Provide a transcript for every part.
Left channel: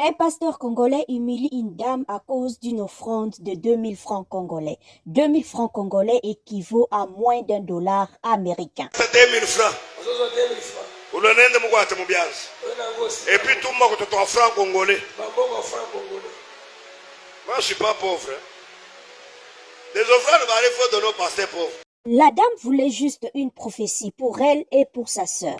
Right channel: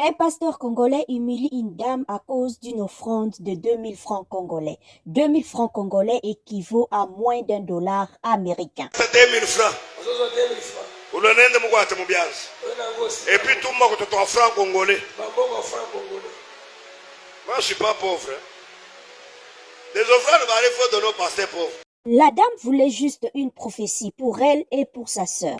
Un pasteur congolais humilie une dame à cause d'une offrande de 2000 francs congolais. 2000 francs congolais équivaut à moins $1 américain. 2000 francs. Unaenda Mungu atamubiaza. Et puis tout le monde te francs congolais. Moi je suis pas pauvre. Les offrandes va aller faire de nos pasteurs pauvres. La dame voulait juste une prophétie pour elle et pour sa sœur.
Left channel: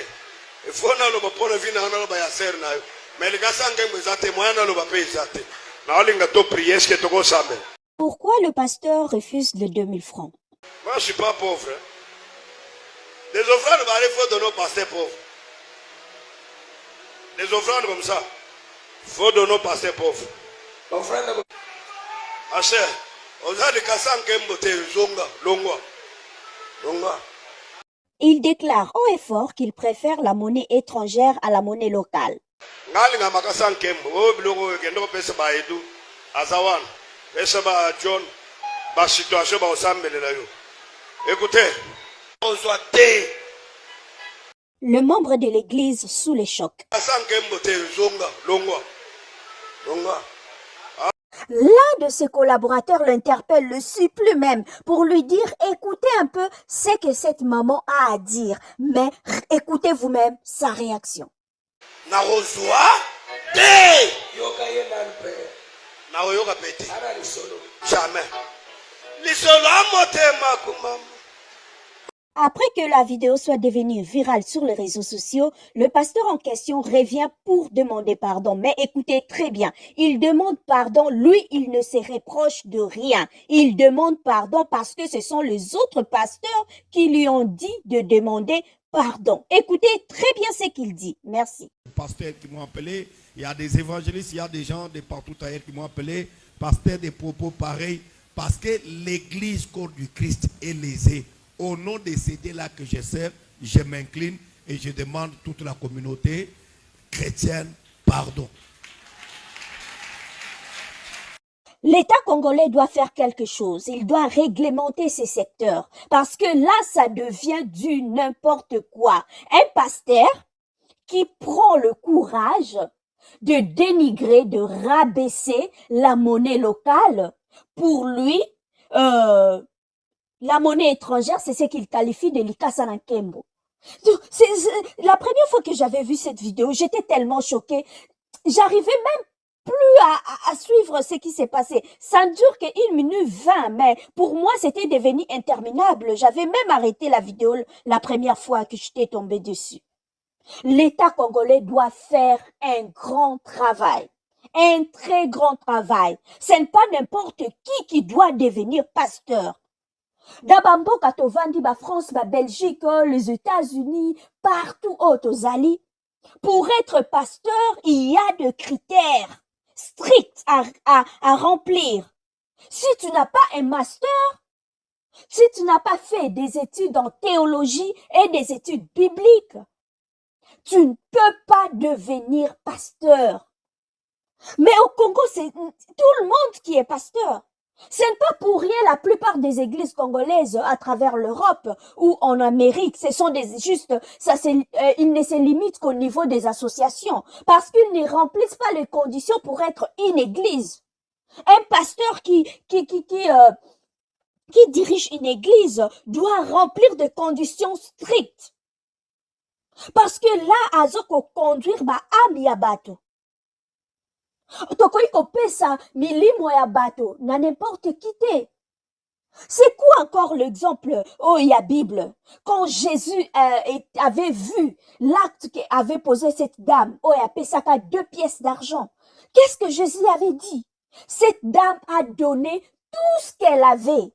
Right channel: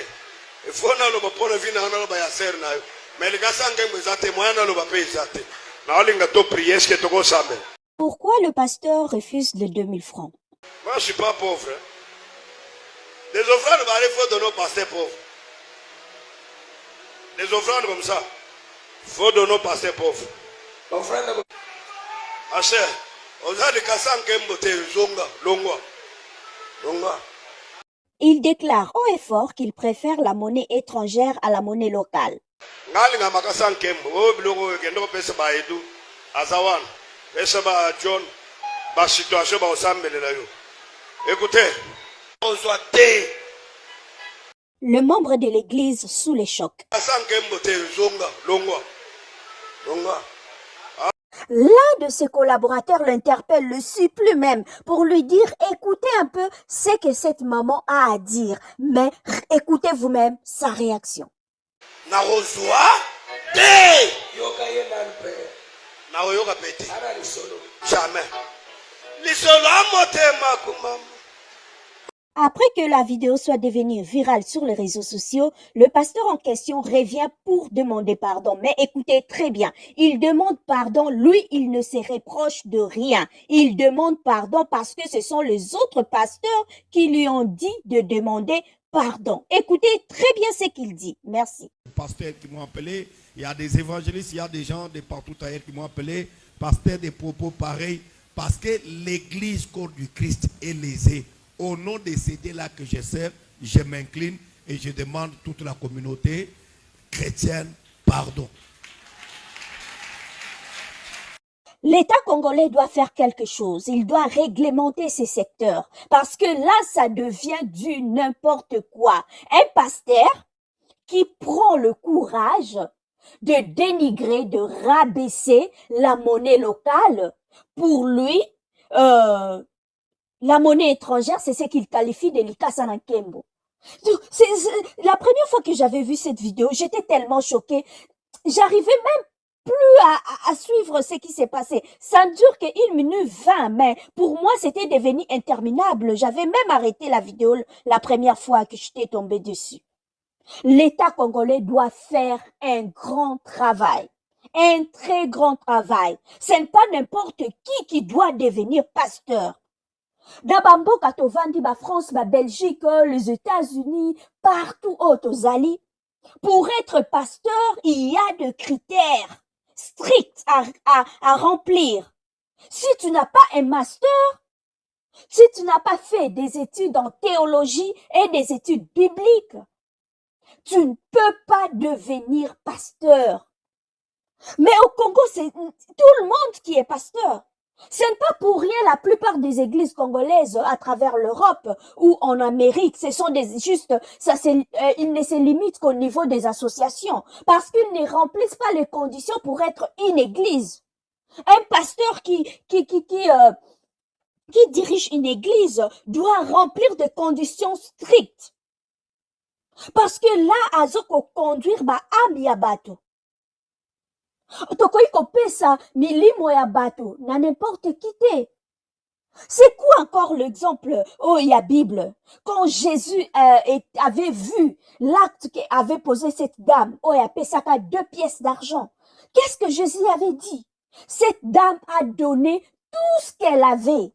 Il faut na lo bapona vina na lo ba ya ser na yo. Mais les gars sanga mbezate moyana lo ba pe zate. Na olinga to prier est-ce que to go sambe. Pourquoi le pasteur refuse les 2000 francs? Moi je suis pas pauvre. Les offrandes va aller faire de nos pasteurs pauvres. Les offrandes comme ça, il faut de nos pasteurs pauvres. Asher, on a des cassans qui aiment zonga, longwa. Il déclare haut et fort qu'il préfère la monnaie étrangère à la monnaie locale. Ngalinga makasan kembo, biloko kendo pesa ba edu, azawan, pesa ba John, ba situation ba osambele la yo. Écoutez, on soit té. Le membre de l'église sous les chocs. Cassant kembo té zonga, longwa. L'un de ses collaborateurs l'interpelle, le supplie même pour lui dire « Écoutez un peu ce que cette maman a à dire, mais écoutez vous-même sa réaction. » Jamais. Après que la vidéo soit devenue virale sur les réseaux sociaux, le pasteur en question revient pour demander pardon. Mais écoutez très bien, il demande pardon, lui, il ne se reproche de rien. Il demande pardon parce que ce sont les autres pasteurs qui lui ont dit de demander pardon. Écoutez très bien ce qu'il dit. Merci. Les pasteurs qui m'ont appelé, il y a des évangélistes, il y a des gens de partout ailleurs qui m'ont appelé, pasteurs des propos pareils, parce que l'église corps du Christ est lésée. Au nom de ces dieux-là que je sers, je m'incline et je demande à toute la communauté chrétienne pardon. L'État congolais doit faire quelque chose. Il doit réglementer ces secteurs. Parce que là, ça devient du n'importe quoi. Un pasteur qui prend le courage de dénigrer, de rabaisser la monnaie locale, pour lui, la monnaie étrangère, c'est ce qu'il qualifie de l'Ikasana Kembo. La première fois que j'avais vu cette vidéo, j'étais tellement choquée. J'arrivais même plus à suivre ce qui s'est passé. Ça ne dure que 1 minute 20, mais pour moi, c'était devenu interminable. J'avais même arrêté la vidéo la première fois que j'étais tombée dessus. L'État congolais doit faire un grand travail. Un très grand travail. Ce n'est pas n'importe qui doit devenir pasteur. Dabambo katovandi ba France, ba Belgique, les États-Unis, partout aux Ali. Pour être pasteur, il y a des critères stricts à remplir. Si tu n'as pas un master, si tu n'as pas fait des études en théologie et des études bibliques, tu ne peux pas devenir pasteur. Mais au Congo, c'est tout le monde qui est pasteur. Ce n'est pas pour rien la plupart des églises congolaises à travers l'Europe ou en Amérique, ce sont ils ne se limitent qu'au niveau des associations parce qu'ils ne remplissent pas les conditions pour être une église. Un pasteur qui dirige une église doit remplir des conditions strictes. Parce que là, azoko conduire ba âme ya bato. Tokoyi kopesa milimo ya bato na n'importe qui te. C'est quoi encore l'exemple il y a Bible quand Jésus avait vu l'acte qu'avait posé cette dame, il a pesaka 2 pièces d'argent. Qu'est-ce que Jésus avait dit? Cette dame a donné tout ce qu'elle avait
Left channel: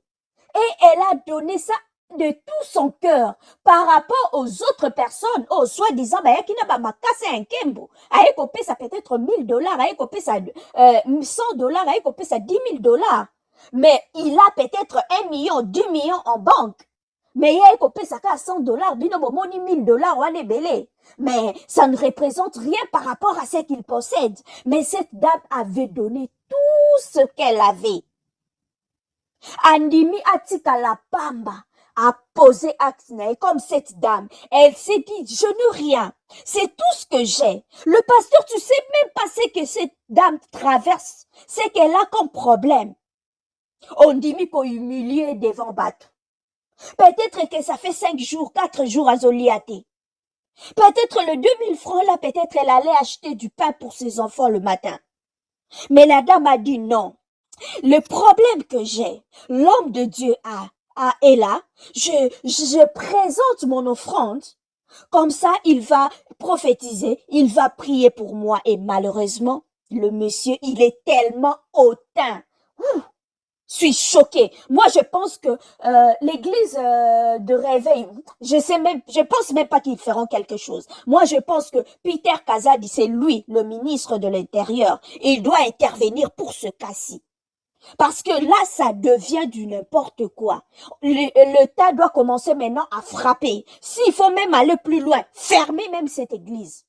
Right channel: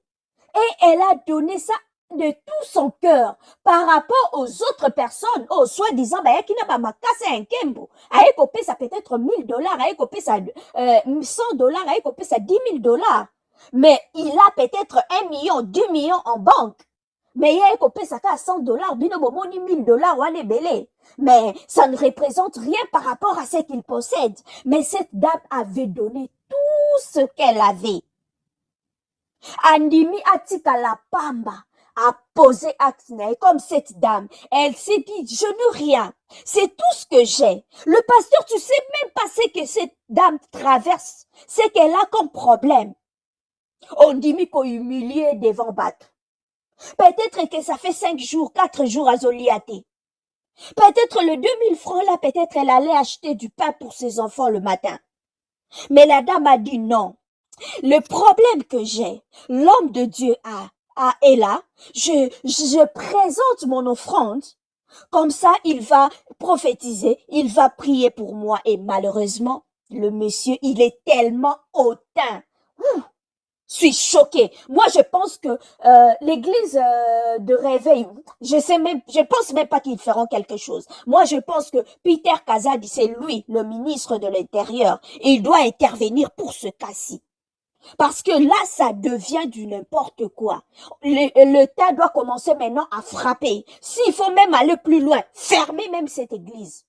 et elle a donné ça de tout son cœur par rapport aux autres personnes, soi-disant, qui n'a pas cassé un kembo, ça peut-être $1000, ça $100, ça $10,000. Mais il a peut-être 1 million, 2 millions en banque. Mais il y a ça à $100, bino bomoni $1000, on est belé. Mais ça ne représente rien par rapport à ce qu'il possède. Mais cette dame avait donné tout ce qu'elle avait. Andimi atika la pamba. a posé acte comme cette dame. Elle s'est dit, je n'ai rien. C'est tout ce que j'ai. Le pasteur, tu sais même pas ce que cette dame traverse, ce qu'elle a comme problème. On dit, mais pour humilier devant Batou. Peut-être que ça fait 5 jours, 4 jours à Zoliaté. Peut-être le 2000 francs là, peut-être elle allait acheter du pain pour ses enfants le matin. Mais la dame a dit non. Le problème que j'ai, l'homme de Dieu est là. Je présente mon offrande. Comme ça, il va prophétiser, il va prier pour moi. Et malheureusement, le monsieur, il est tellement hautain. Je suis choquée. Moi, je pense que l'église de réveil, je pense même pas qu'ils feront quelque chose. Moi, je pense que Peter Kazadi, c'est lui, le ministre de l'Intérieur, et il doit intervenir pour ce cas-ci. Parce que là, ça devient du n'importe quoi. L'État doit commencer maintenant à frapper. S'il faut même aller plus loin, fermer même cette église.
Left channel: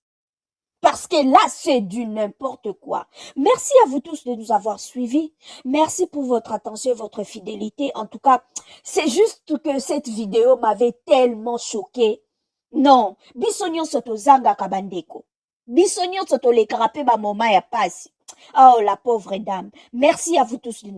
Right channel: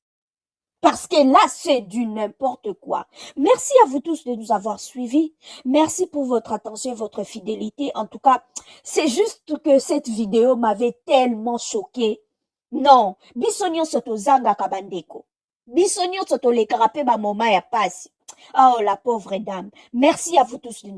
Parce que là, c'est du n'importe quoi. Merci à vous tous de nous avoir suivis. Merci pour votre attention et votre fidélité. En tout cas, c'est juste que cette vidéo m'avait tellement choquée. Non, bisognon soto zanga kabandeko. Bisognon soto le grappe ma moma ya passe. Oh, la pauvre dame. Merci à vous tous de nous